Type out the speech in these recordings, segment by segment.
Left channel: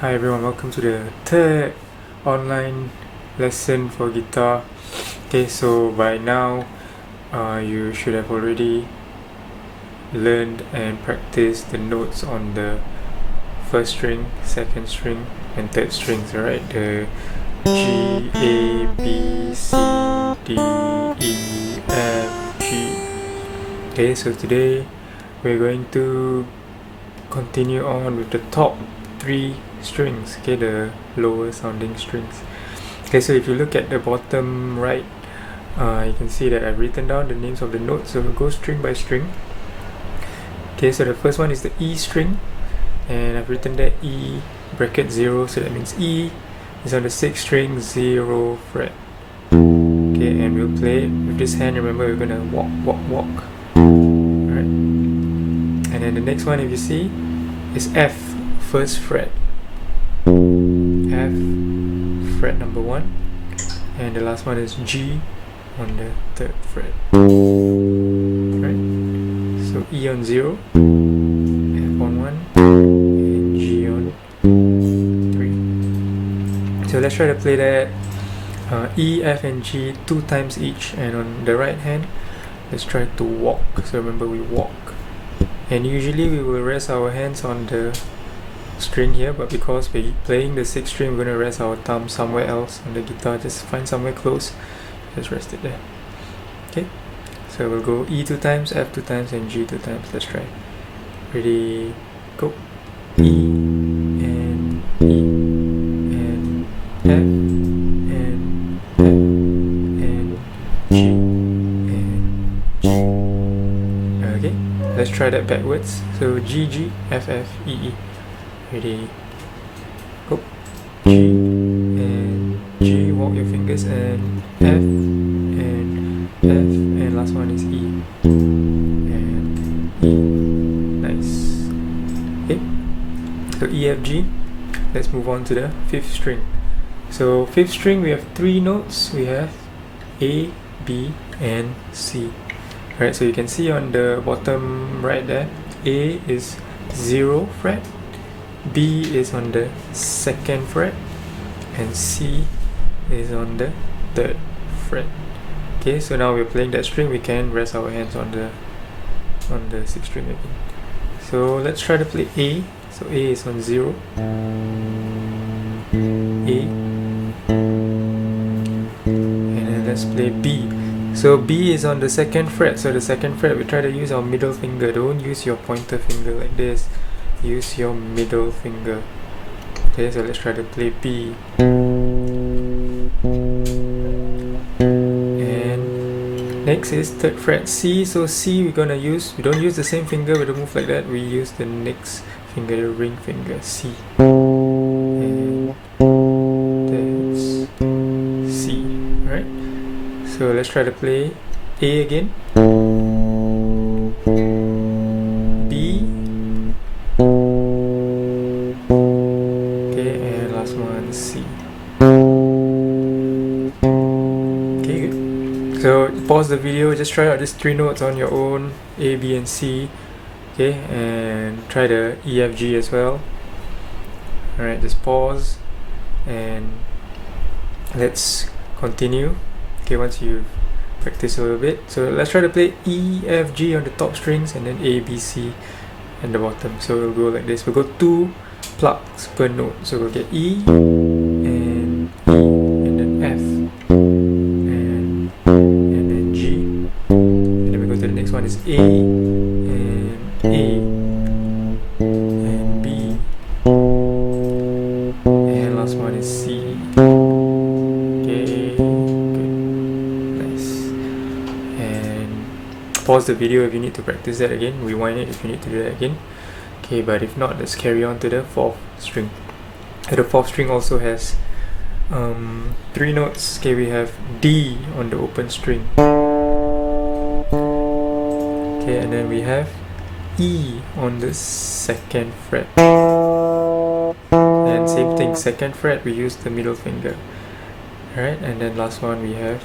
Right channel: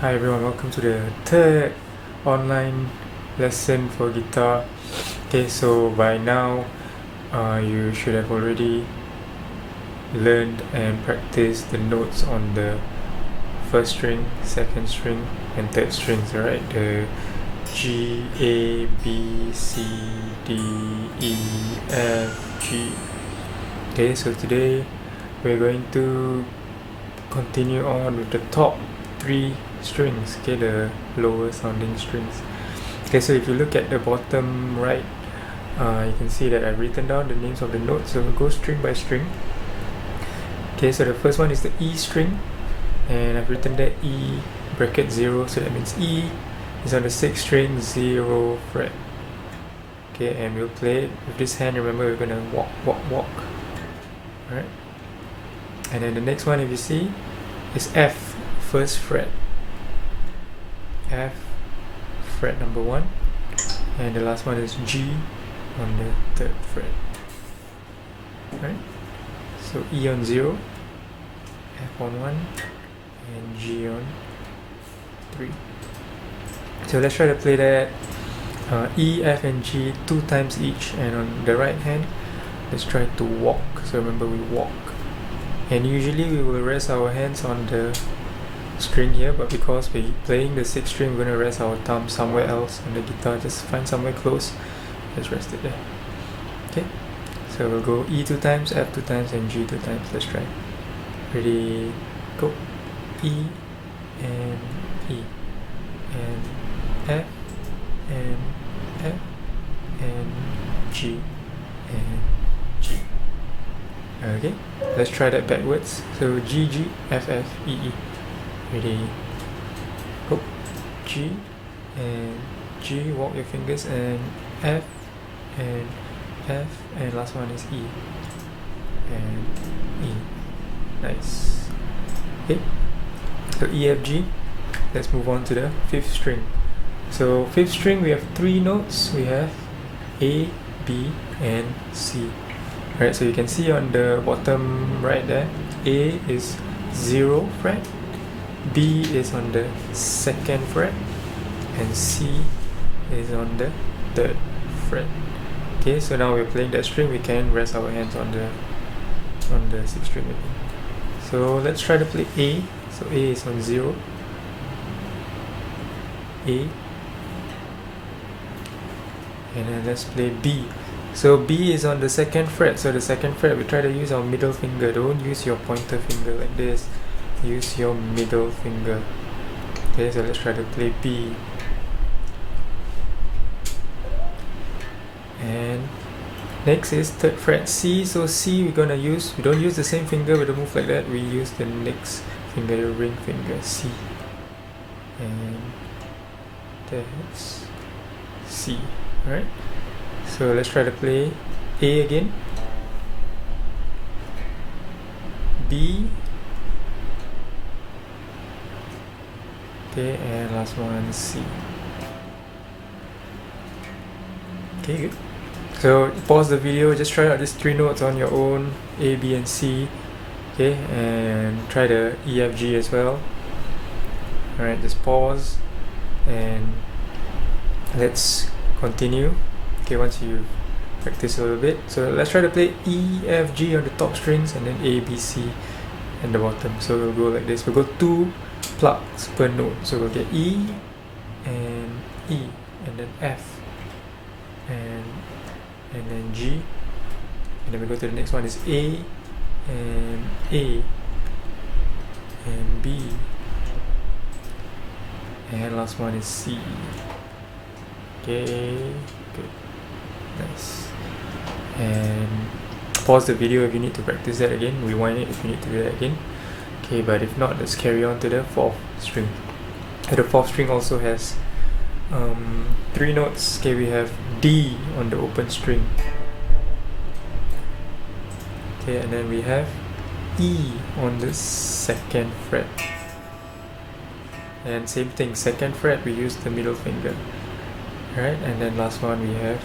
Hi everyone, welcome to the third online lesson for guitar. Okay, so by now you should have already learned and practiced the notes on the first string, second string and third strings, alright? The G, A, B, C, D, E, F, G. Okay, so today we're going to continue on with the top three strings, okay, the lower sounding strings. Okay, so if you look at the bottom right, you can see that I've written down the names of the notes, so we'll go string by string. Okay, so the first one is the E string, and I've written there E bracket 0, so that means E is on the 6th string, 0 fret. Okay, and we'll play it with this hand. Remember, we're gonna walk. Alright, and then the next one, if you see, is F, 1st fret. F, fret number 1, and the last one is G on the 3rd fret. Right? So E on 0, F on 1, and G on 3. So let's try to play that E, F and G 2 times each, and on the right hand let's try to walk. So remember, we walk, and usually we will rest our hands on the string here, but because we're playing the 6th string, we're going to rest our thumb somewhere else on the guitar. Just find somewhere close, just rest it there. Okay, so we'll go E 2 times, F 2 times and G 2 times. Let's try. Ready, go. E and E and F and F and G and G. Okay, let's try that backwards. So G, G, F, F, E, E. Ready, go. G and G, walk your fingers, and F and F, and last one is E and E. Nice. Okay, so E, F, G. Let's move on to the 5th string. So 5th string, we have 3 notes. We have A, B and C. Alright, so you can see on the bottom right there, A is 0 fret, B is on the 2nd fret, and C is on the 3rd fret. Okay, so now we're playing that string, we can rest our hands on the 6th string again. So let's try to play A. So A is on 0, A, and then let's play B. So B is on the 2nd fret, so the 2nd fret we try to use our middle finger. Don't use your pointer finger like this, use your middle finger. Okay, so let's try to play B. And next is 3rd fret C. So C we don't use the same finger, we don't move like that, we use the next finger, the ring finger, C. And that's C. Alright, so let's try to play A again. B. Okay, and last one C. Okay, good. So pause the video, just try out these 3 notes on your own, A, B and C. Okay, and try the E, F, G as well. Alright, just pause and let's continue. Okay, once you practice a little bit, so let's try to play E, F, G on the top strings, and then A, B, C at the bottom. So we'll go like this, we'll go 2 plucks per note. So we'll get E and then F and then G, and then we go to the next one is A and B, and last one is C. Okay, good, nice. And pause the video if you need to practice that again, rewind it if you need to do that again. Okay, but if not, let's carry on to the 4th string. The 4th string also has 3 notes. Okay, we have D on the open string. Okay, and then we have E on the 2nd fret. And same thing, 2nd fret, we use the middle finger. Alright, and then last one we have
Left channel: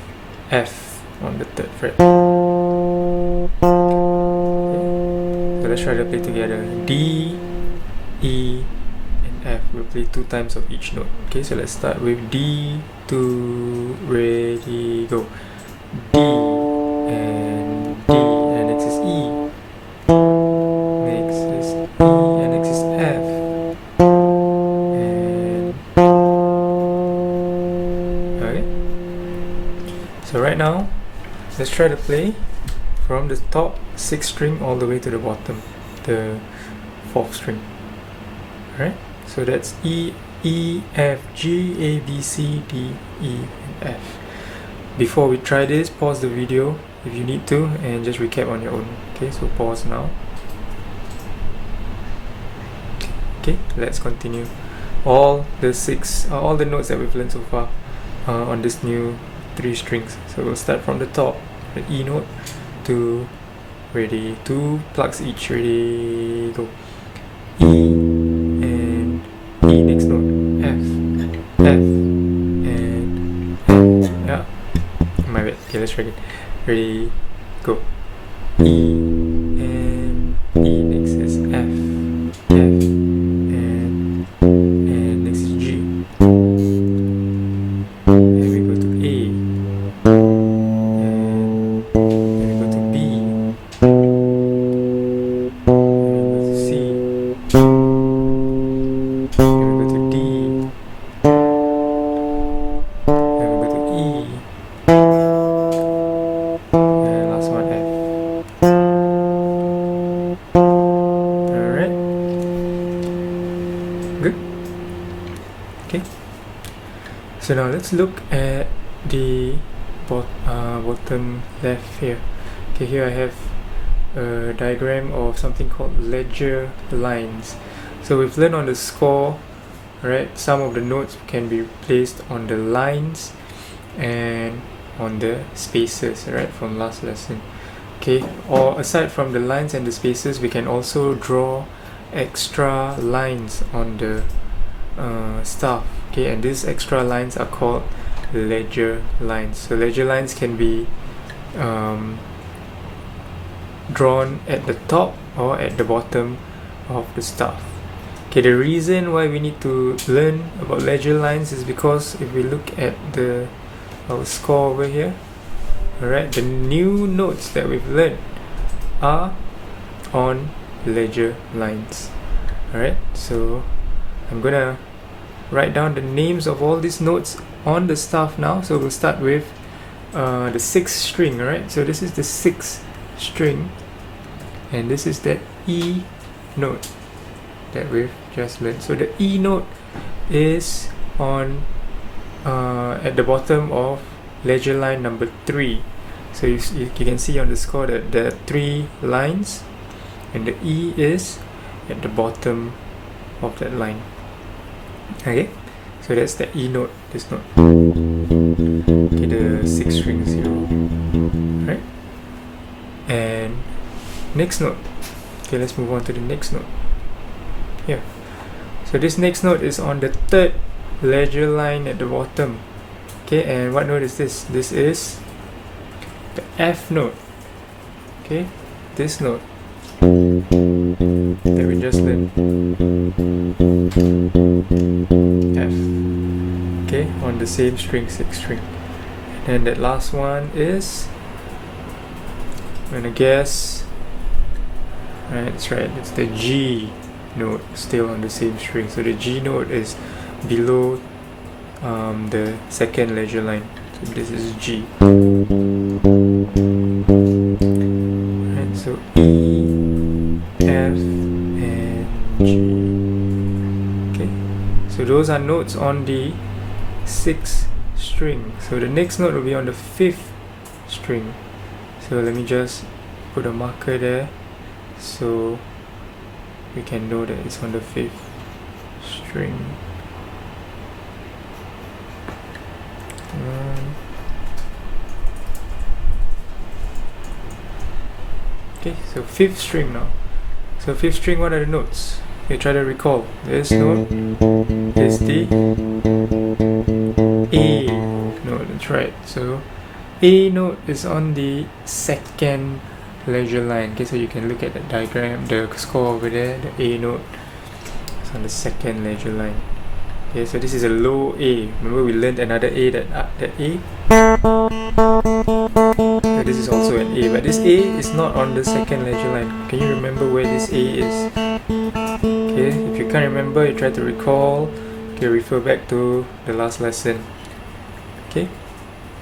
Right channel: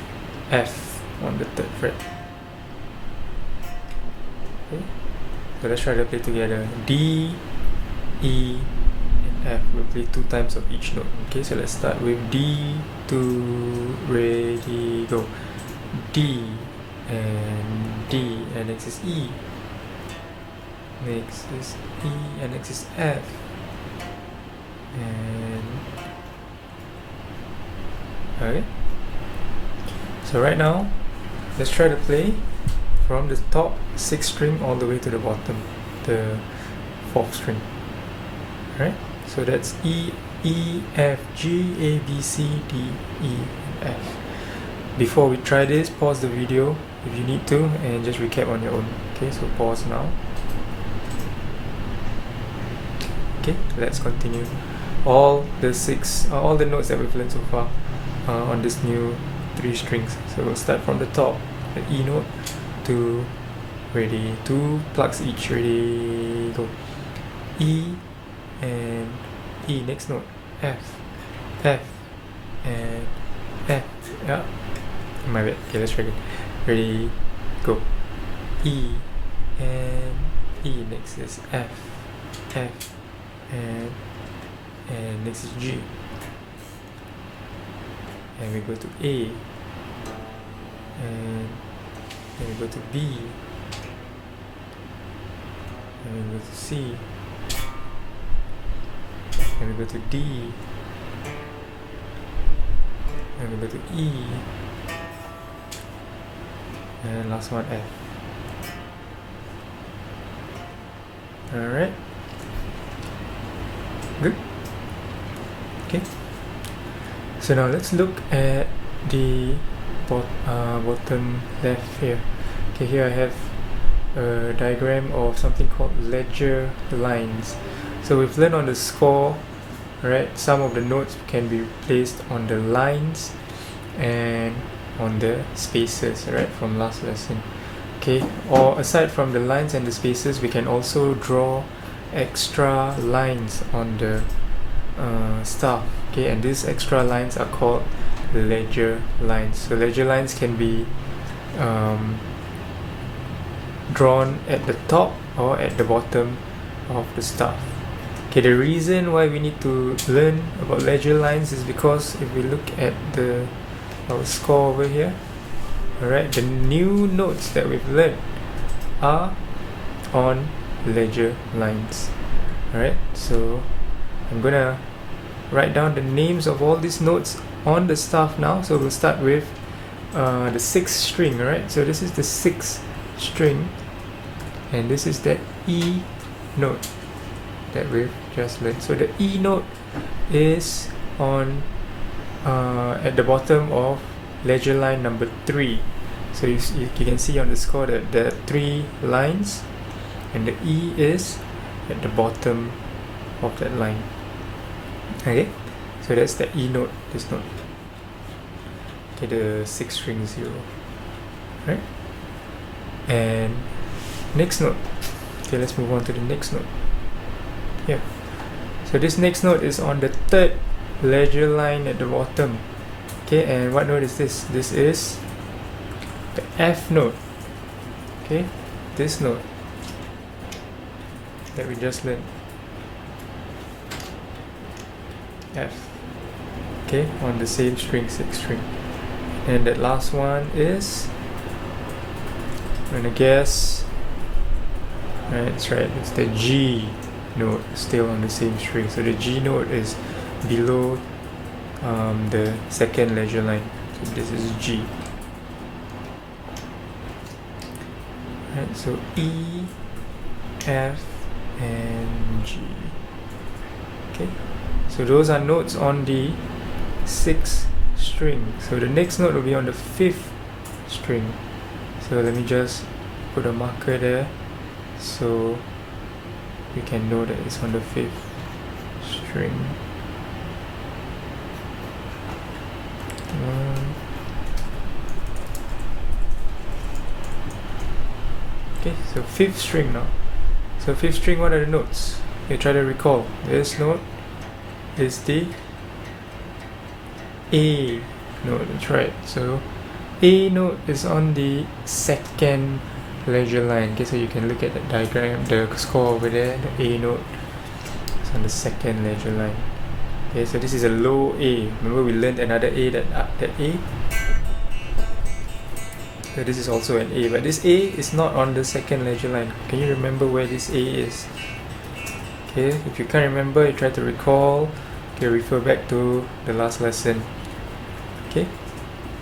F on the 3rd fret. Okay, so let's try to play together. D, E, and F. We'll play 2 times of each note. Okay, so let's start with D, 2, ready, go. D and D, and next is E. Next is E, and next is F. And okay. So right now, let's try to play from the top 6th string all the way to the bottom, the 4th string. Alright, so that's E, F, G, A, B, C, D, E, and F. Before we try this, pause the video if you need to and just recap on your own. Okay, so pause now. Okay, let's continue. All the notes that we've learned so far on this new 3 strings. So we'll start from the top, the E note, to ready, 2 plugs each, ready, go. E and E, next note, F, and F. Yeah, my bad. Okay, let's try again. Ready, go. E and E, next is F, and next is G. And we go to A. Good. Okay. So now let's look at the bottom left here. Okay, here I have a diagram of something called ledger lines. So we've learned on the score, right? Some of the notes can be placed on the lines and on the spaces, right, from last lesson. Okay, or aside from the lines and the spaces, we can also draw extra lines on the staff. Okay, and these extra lines are called ledger lines. So ledger lines can be drawn at the top or at the bottom of the staff. Okay, the reason why we need to learn about ledger lines is because if we look at our score over here, alright, the new notes that we've learned are on ledger lines. Alright, so I'm gonna write down the names of all these notes on the staff now. So we'll start with the 6th string. Alright, so this is the 6th string, and this is the E note that we've just learned. So the E note is on at the bottom of ledger line number 3. So you can see on the score that there are 3 lines, and the E is at the bottom of that line. Okay, so that's the E note, this note. Okay, the 6th string 0. Right? And next note. Okay, let's move on to the next note. Here. So this next note is on the 3rd ledger line at the bottom. Okay, and what note is this? This is the F note. Okay, this note that we just learned. F. Okay, on the same string, 6th string. And that last one is, I'm gonna guess, right, that's right, it's the G note, still on the same string. So the G note is below the 2nd ledger line. So this is G. Right, so E, F, and G. Okay, so those are notes on the 6th string. So the next note will be on the 5th string. So let me just put a marker there so we can know that it's on the 5th string. Okay, so 5th string now. So 5th string, what are the notes? You try to recall. This note is the A note, that's right. So A note is on the 2nd ledger line. Okay, so you can look at the diagram, the score over there, the A note. So on the second ledger line. Okay, so this is a low A. Remember we learned another A, that A? So this is also an A, but this A is not on the second ledger line. Can you remember where this A is? Okay, if you can't remember, you try to recall. Okay, refer back to the last lesson. Okay,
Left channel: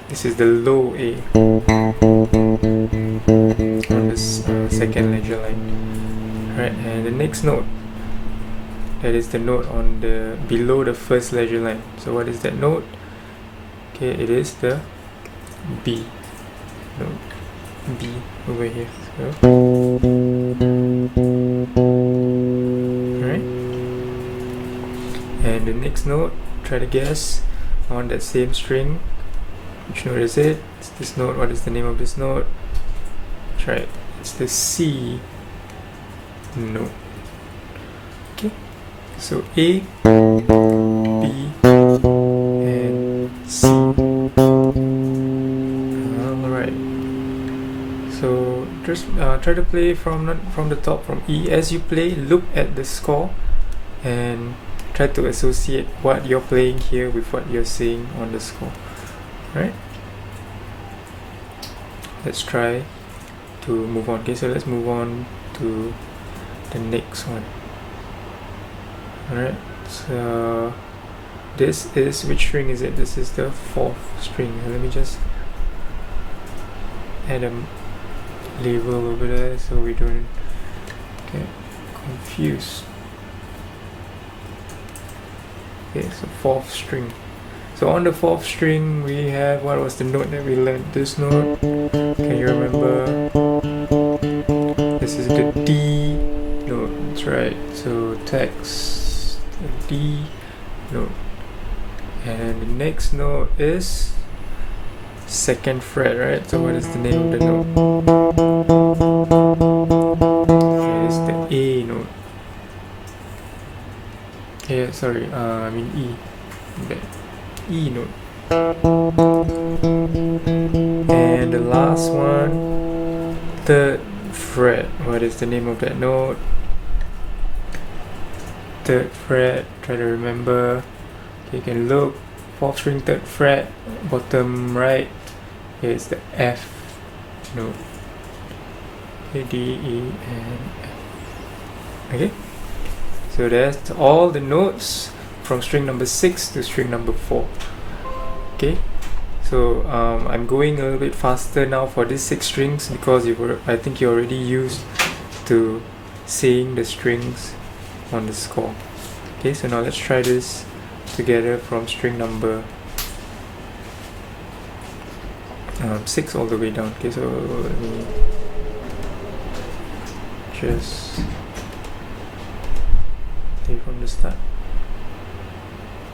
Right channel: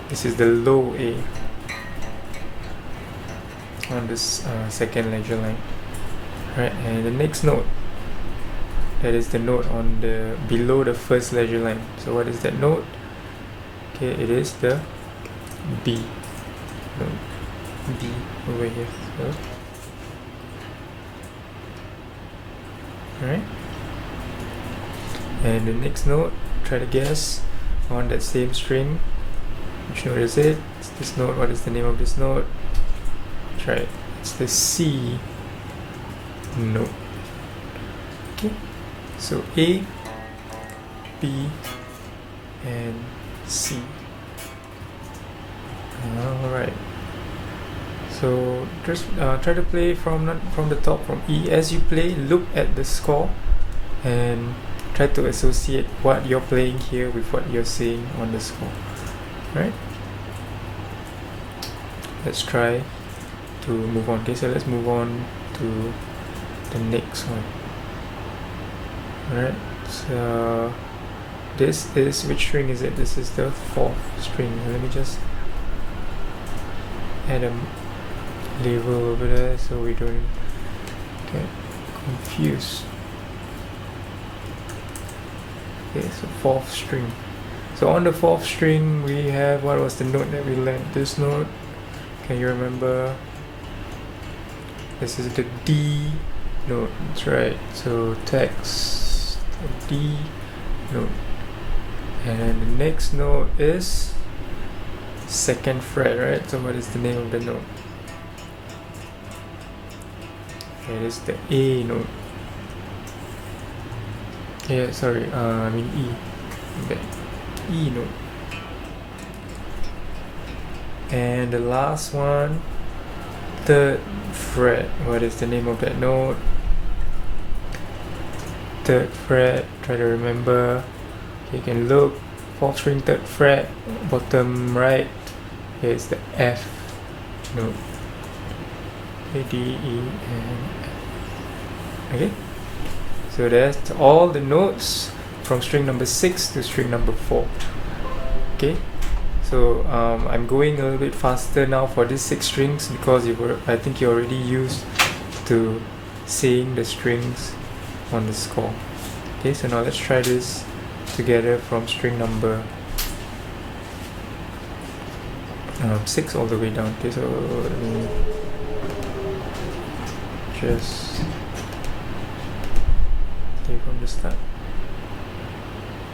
this is the low A on this second ledger line. Alright, and the next note, that is the note on the below the first ledger line. So what is that note? Okay, it is the B note. B over here. So, alright. And the next note, try to guess on that same string. Which note is it? It's this note. What is the name of this note? That's right. It's the C note. Okay. So A, B, and C. Alright. So just try to play from the top, from E. As you play, look at the score and try to associate what you're playing here with what you're seeing on the score. Right? Let's try to move on. Okay, so let's move on to the next one. Alright, so this is, which string is it? This is the fourth string. Let me just add a label over there so we don't get confused. Okay, so fourth string. So on the fourth string we have, what was the note that we learned? This note, can you remember? This is the D note, that's right. So text D note, and the next note is second fret, right? So what is the name of the note? It is the A note. Yeah, sorry, I mean E. Okay. E note. And the last one, third fret. What is the name of that note? Third fret. Try to remember. Okay, you can look. Fourth string, third fret, bottom right. Here's the F note. Okay, D, E, and F. Okay. So that's all the notes from string number 6 to string number 4. Okay, so I'm going a little bit faster now for these 6 strings because I think you're already used to seeing the strings on the score. Okay, so now let's try this together from string number 6 all the way down. Okay, so let me just play from the start.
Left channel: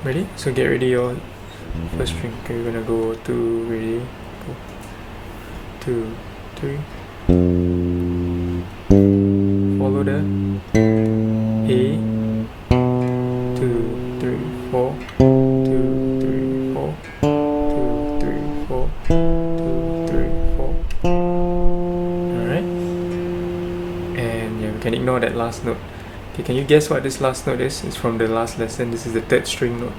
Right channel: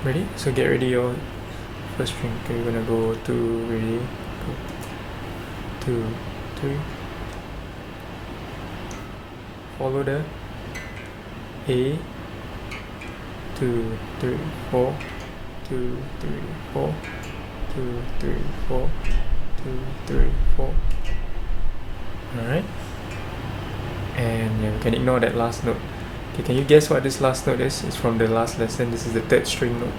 Ready? So get ready your first string. Okay, we're gonna go 2, ready? Go. 2, 3. Follow the A. 2, 3, 4. 2, 3, 4. 2, 3, 4. 2, 3, 4. Alright. And yeah, we can ignore that last note. Okay, can you guess what this last note is? It's from the last lesson. This is the third string note.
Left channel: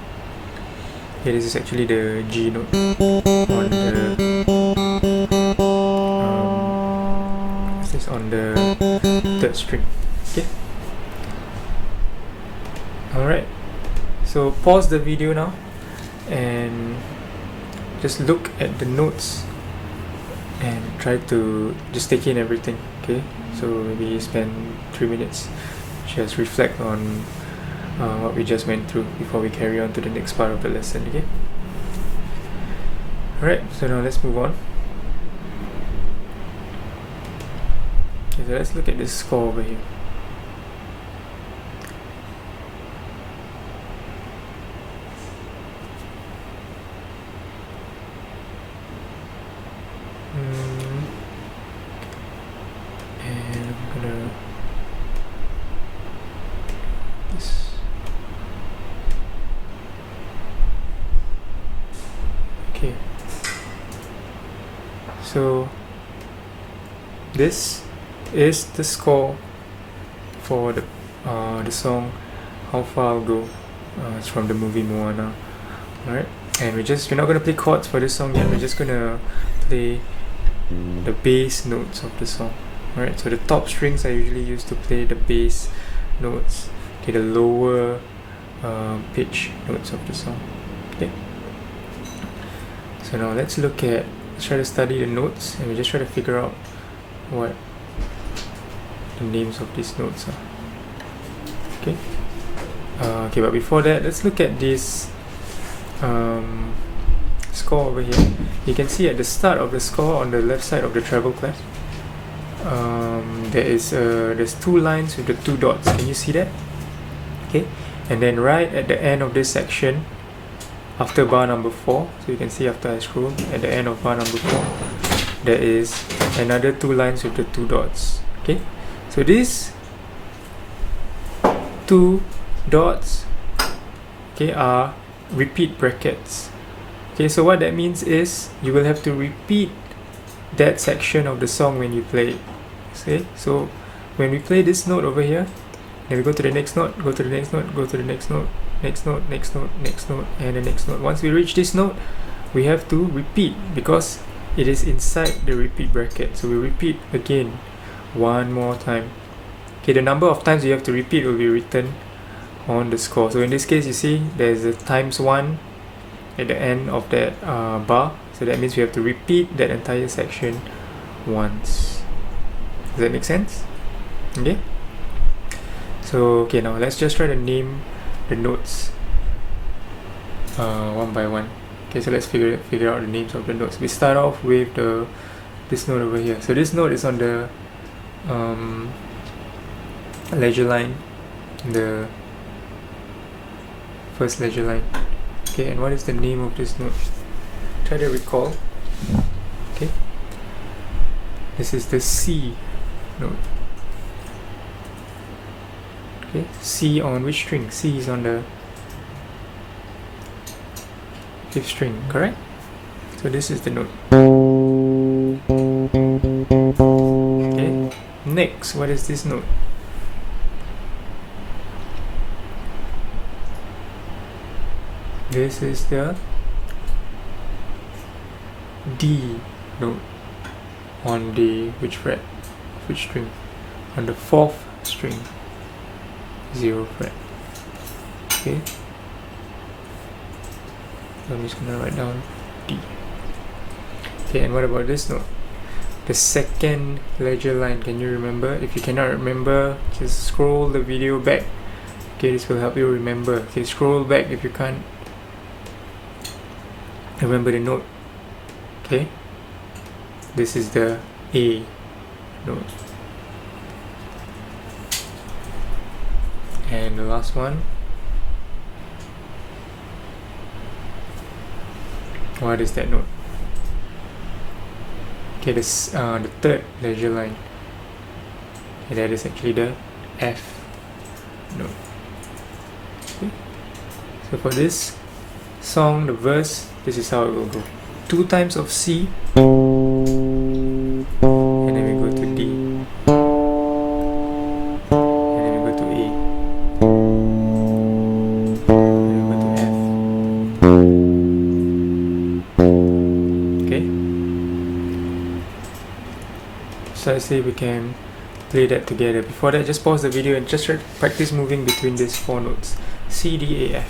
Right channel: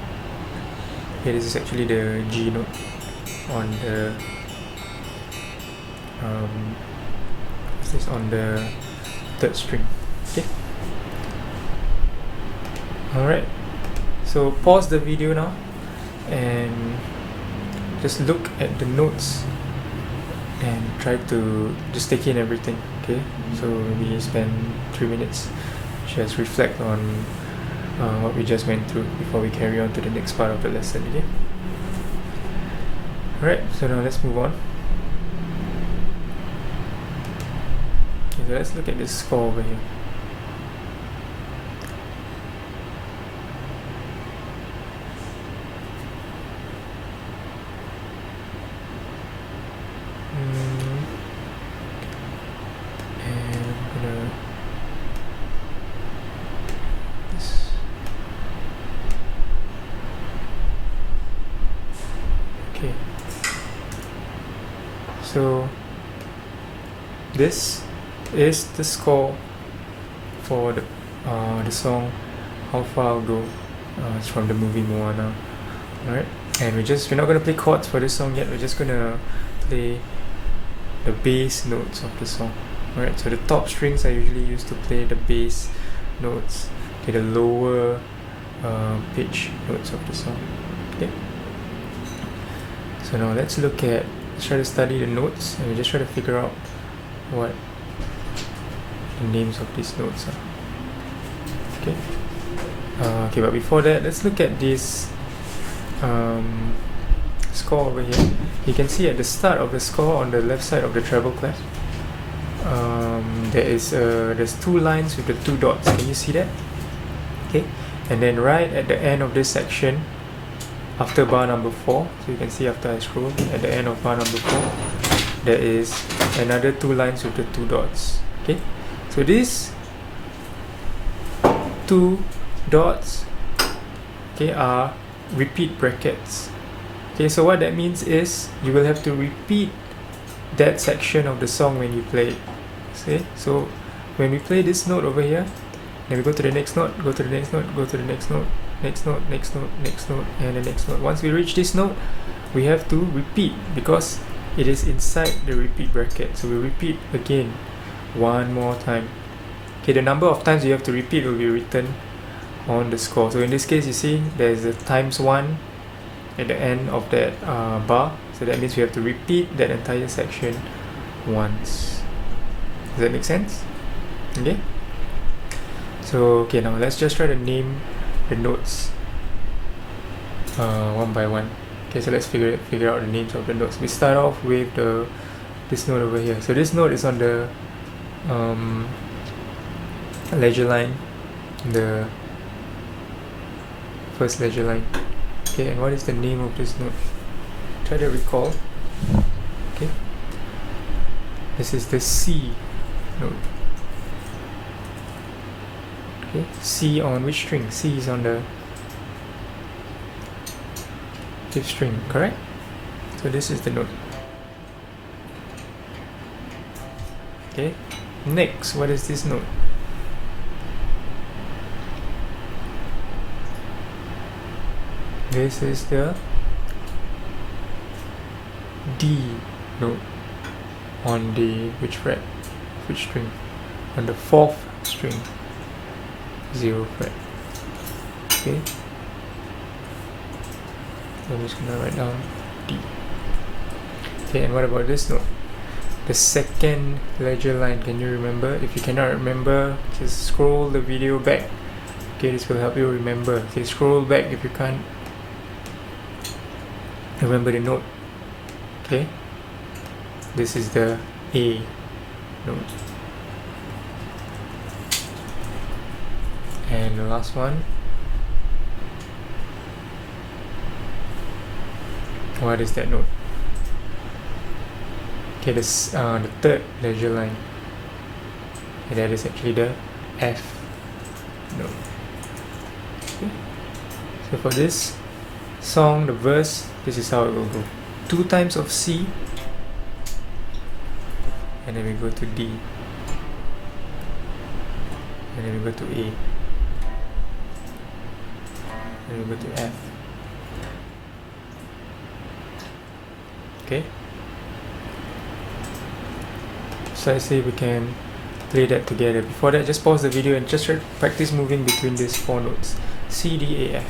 Okay, this is actually the G note on the what's this, on the third string. Okay. Alright. So pause the video now and just look at the notes and try to just take in everything. Okay. So maybe spend 3 minutes. Just reflect on what we just went through before we carry on to the next part of the lesson. Okay. Alright, so now let's move on. Okay, so let's look at this score over here. And I'm gonna okay, so this is the score for the song How Far I'll Go. It's from the movie Moana. Alright, and we're not gonna play chords for this song yet. We're just gonna play the bass notes of the song. Alright, so the top strings are usually used to play the bass notes. Okay, the lower pitch notes of the song. Okay. So now let's try to study the notes, and we just try to figure out what the names of these notes are. Okay. Okay, but before that, let's look at this score over here. You can see at the start of the score on the left side of the treble clef, there's two lines with the two dots. Can you see that? Okay, and then right at the end of this section, after bar number 4, so you can see after I scroll, at the end of bar number 4, there is another two lines with the two dots. Okay, so these two dots, okay, are repeat brackets. Okay, so what that means is you will have to repeat that section of the song when you play it. Okay, so when we play this note over here, then we go to the next note, go to the next note, go to the next note, next note, next note, next note, and the next note. Once we reach this note, we have to repeat because it is inside the repeat bracket. So we repeat again one more time. Okay, the number of times you have to repeat will be written on the score. So in this case, you see there's a ×1 at the end of that bar. So that means we have to repeat that entire section once. Does that make sense? Okay. So okay, now let's just try to name the notes one by one. Okay, so let's figure out the names of the notes. We start off with this note over here. So this note is on the ledger line, the first ledger line. Okay, and what is the name of this note? Try to recall. Okay, this is the C note. Okay, C on which string? C is on the 5th string, correct? So this is the note. Okay, next, what is this note? This is the D note on the which fret? Which string? On the 4th string, 0 fret. Okay, so I'm just gonna write down D. Okay, and what about this note? The second ledger line. Can you remember? If you cannot remember, just scroll the video back. Okay, this will help you remember. Okay, scroll back if you can't remember the note. Okay, this is the A note. And the last one, what is that note? Okay, this the third ledger line, and that is actually the F note. Okay. So for this song, the verse, this is how it will go: 2 times of C, and then we go to D, and then we go to A, and then we go to F. Okay, so let's see if we can play that together. Before that, just pause the video and just try to practice moving between these 4 notes: C, D, A, F.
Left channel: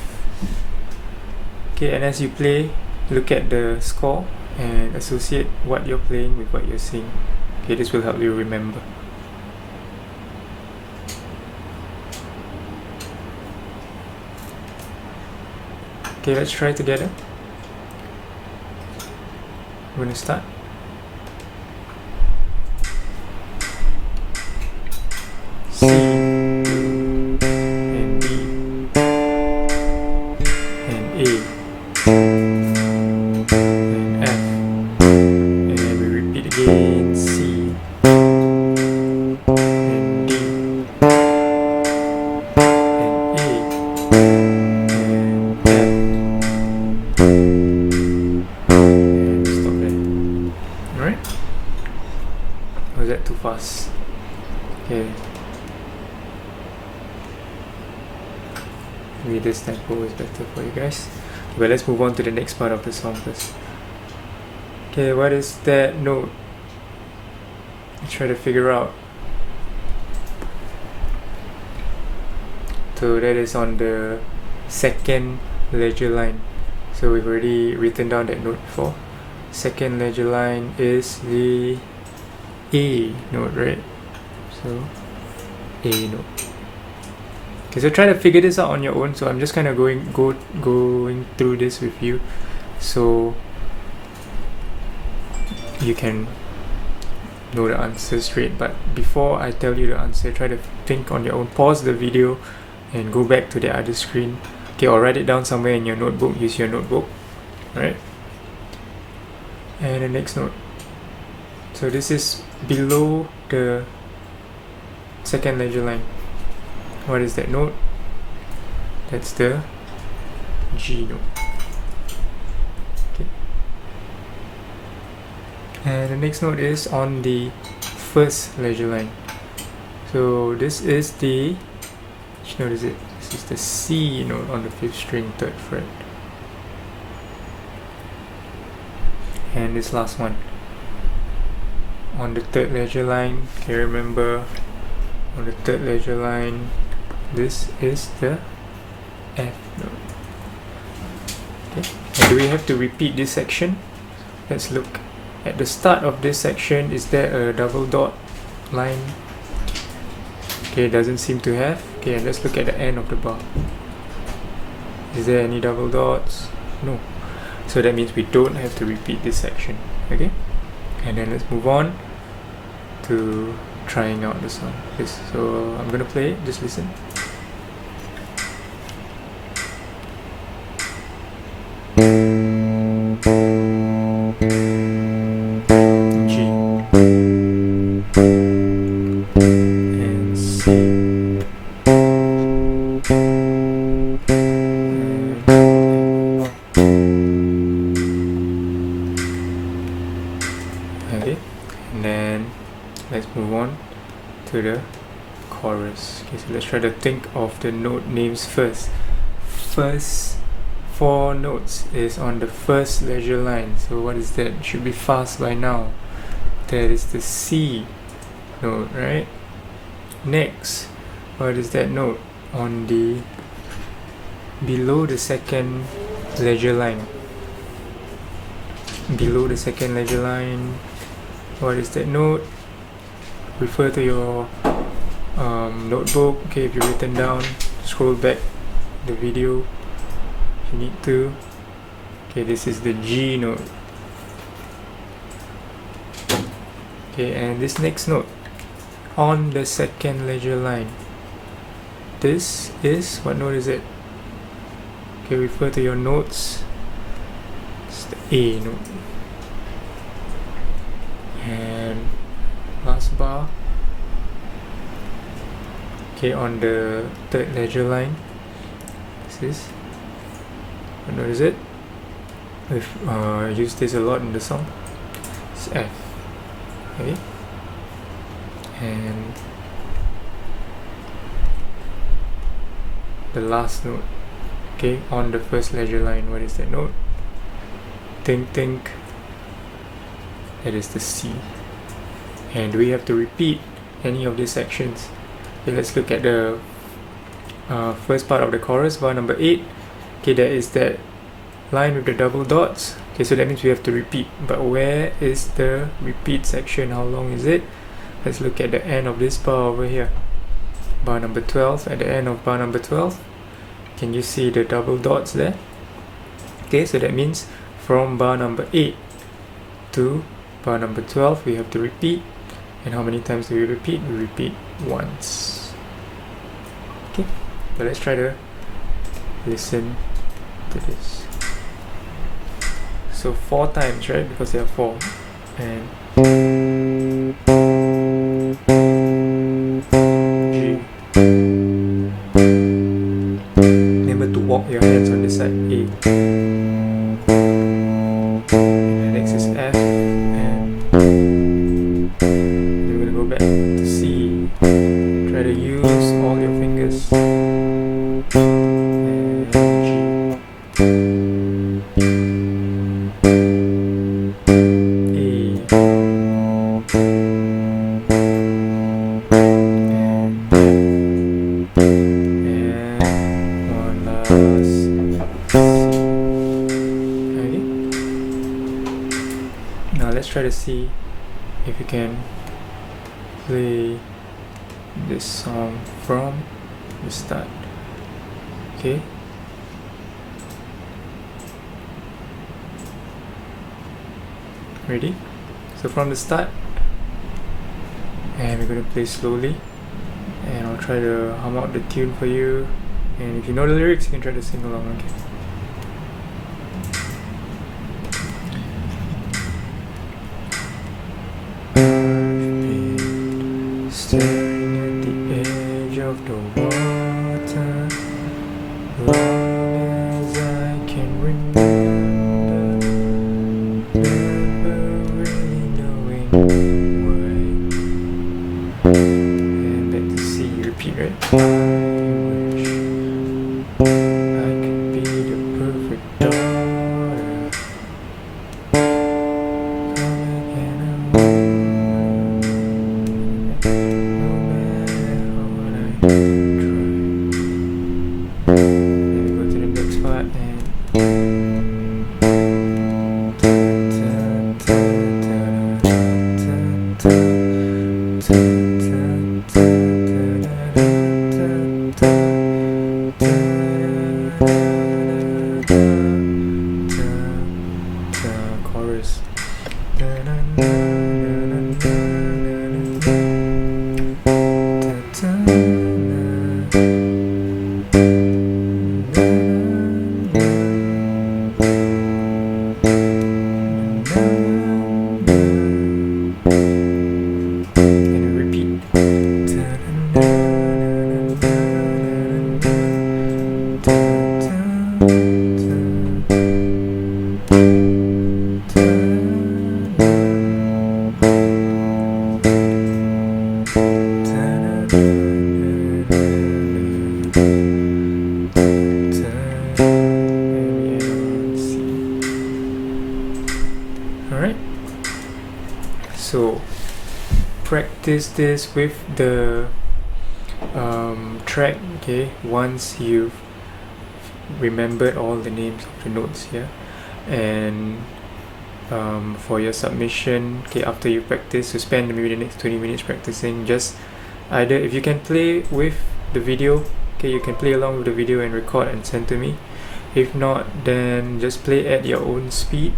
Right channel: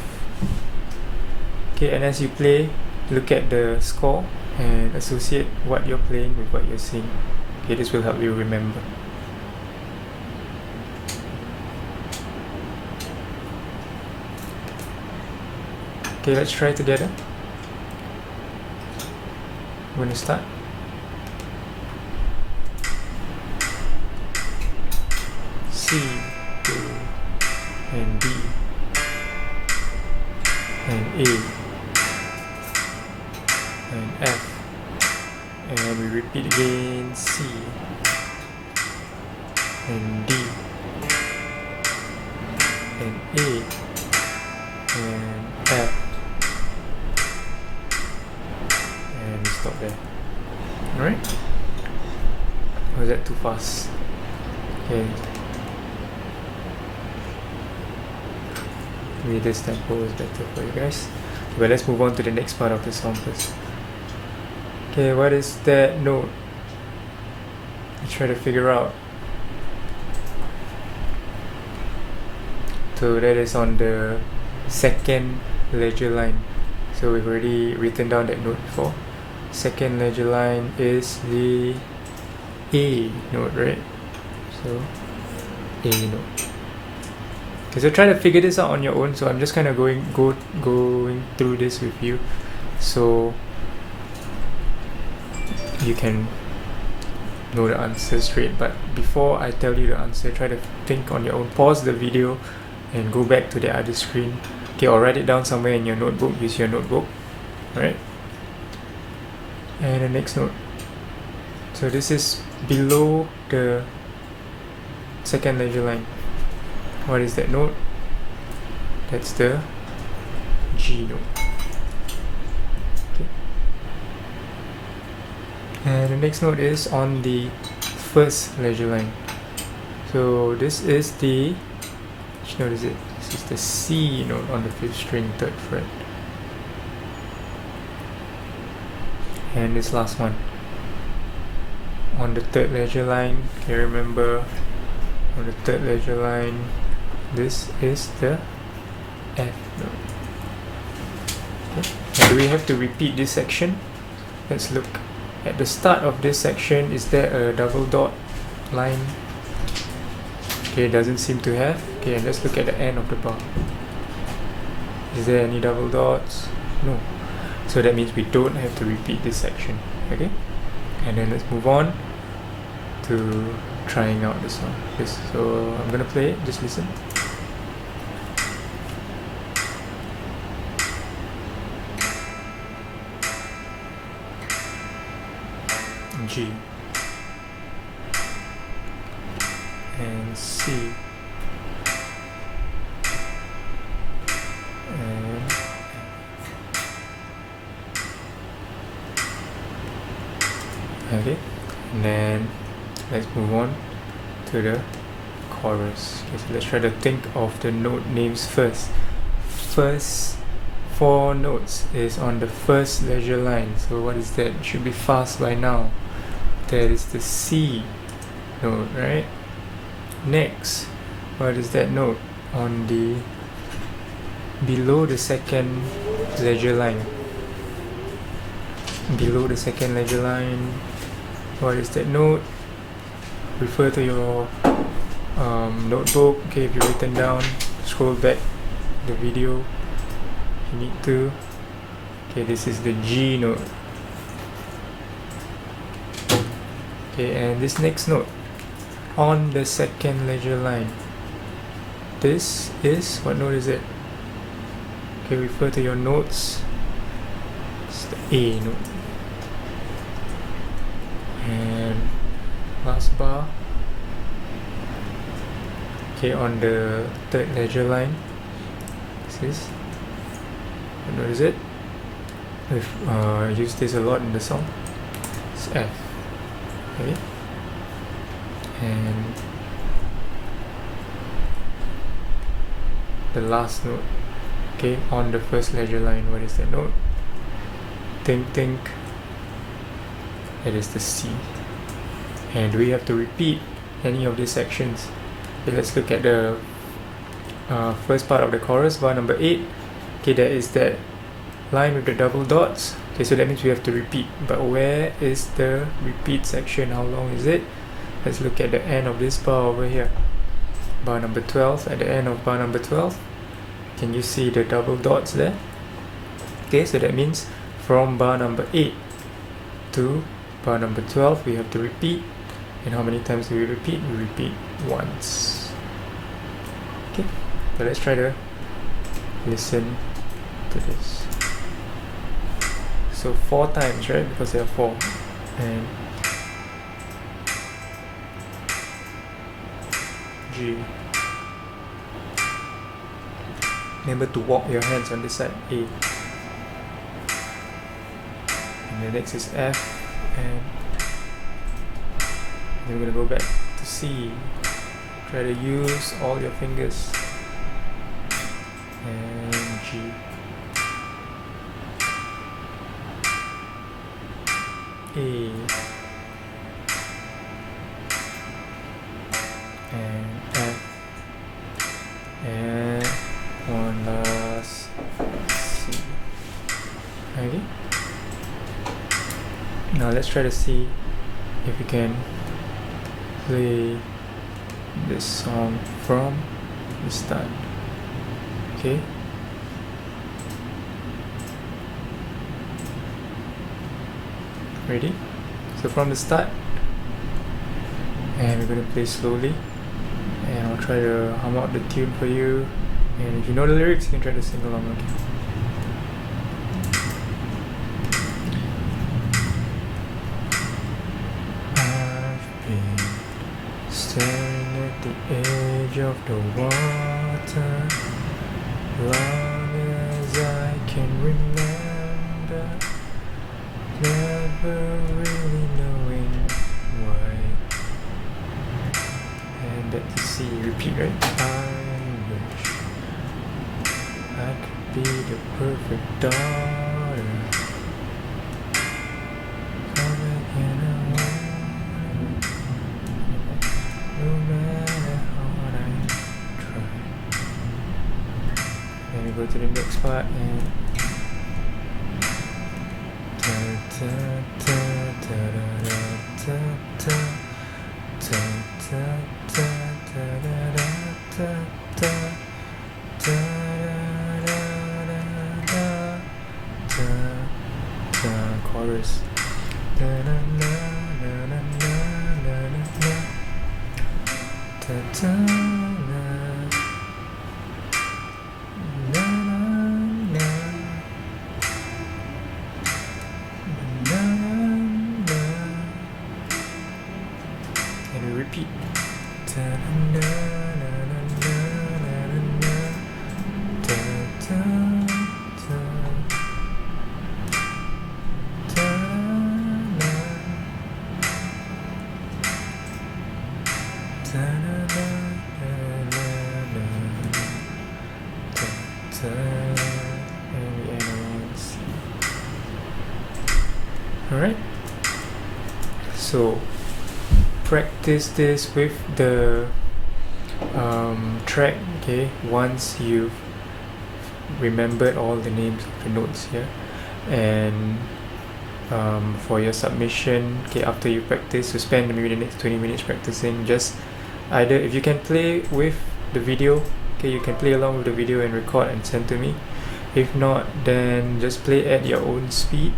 Okay, and as you play, look at the score and associate what you're playing with what you're singing. Okay, this will help you remember. Okay, let's try together. I'm going to start. C and D and A and F, and then we repeat again: C and D and A and F, and stop there. Alright? Or was that too fast? Okay. Maybe this tempo is better for you guys. But let's move on to the next part of the song first. Okay, what is that note? Let's try to figure out. So that is on the second ledger line. So we've already written down that note before. Second ledger line is the A note, right? So A note. Okay, so try to figure this out on your own. So I'm just kind of going through this with you, so you can know the answer straight. But before I tell you the answer, try to think on your own. Pause the video and go back to the other screen. Okay, or write it down somewhere in your notebook. Use your notebook, right? And the next note. So this is below the second ledger line. What is that note? That's the G note. Okay. And the next note is on the first ledger line. So this is the, which note is it? This is the C note on the 5th string, 3rd fret. And this last one on the 3rd ledger line. Can you remember, on the 3rd ledger line, this is the F note. Okay. And do we have to repeat this section? Let's look at the start of this section. Is there a double dot line? Okay, doesn't seem to have. Okay, and let's look at the end of the bar. Is there any double dots? No. So that means we don't have to repeat this section. Okay, and then let's move on to trying out the song. Yes, so I'm gonna play it, just listen. G and C and okay, and then let's move on to the chorus. Okay, so let's try to think of the note names first. First 4 notes is on the first ledger line. So what is that? It should be fast by now. That is the C note, right? Next, what is that note on the below the second ledger line? Below the second ledger line, what is that note? Refer to your notebook. Okay, if you've written down, scroll back the video if you need to. Okay, this is the G note. Okay, and this next note on the second ledger line, this is, what note is it? Okay, refer to your notes. It's the A note. And last bar, okay, on the 3rd ledger line, this is, what note is it? We've used this a lot in the song. It's F. Okay, and the last note, okay, on the first ledger line, what is that note? Think. That is the C. And we have to repeat any of these sections. Okay, let's look at the first part of the chorus, bar number 8. Okay, there is that line with the double dots. Okay, so that means we have to repeat. But where is the repeat section? How long is it? Let's look at the end of this bar over here. Bar number 12. At the end of bar number 12, can you see the double dots there? Okay, so that means from bar number 8 to bar number 12, we have to repeat. And how many times do we repeat? We repeat once. Okay, so let's try to listen to this. So 4 times, right? Because there are 4. And G. Remember to walk your hands on this side. A. And the next is F. And then we're gonna go back to C. Try to use all your fingers. And Now let's try to see if we can play this song from the start. Okay. Ready? So from the start, and we're going to play slowly, and I'll try to hum out the tune for you, and if you know the lyrics you can try to sing along. Okay. Staring at the edge of the water, long as I can remember, never really knowing why. And back to C, repeat, right? I wish I could be the perfect daughter. Then we go to the next part and chorus. And repeat. Alright, so practice this with the track, okay, once you've remembered all the names of the notes here. And for your submission, okay, after you practice, you spend maybe the next 20 minutes practicing. Just either, if you can play with the video, okay, you can play along with the video and record and send to me. If not, then just play at your own speed.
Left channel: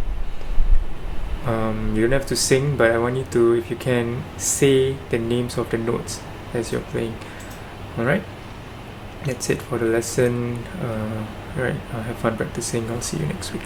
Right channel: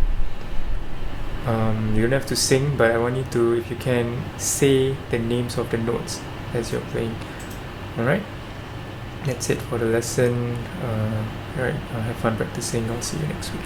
You don't have to sing, but I want you to, if you can, say the names of the notes as you're playing. Alright, that's it for the lesson. Alright, have fun practicing. I'll see you next week.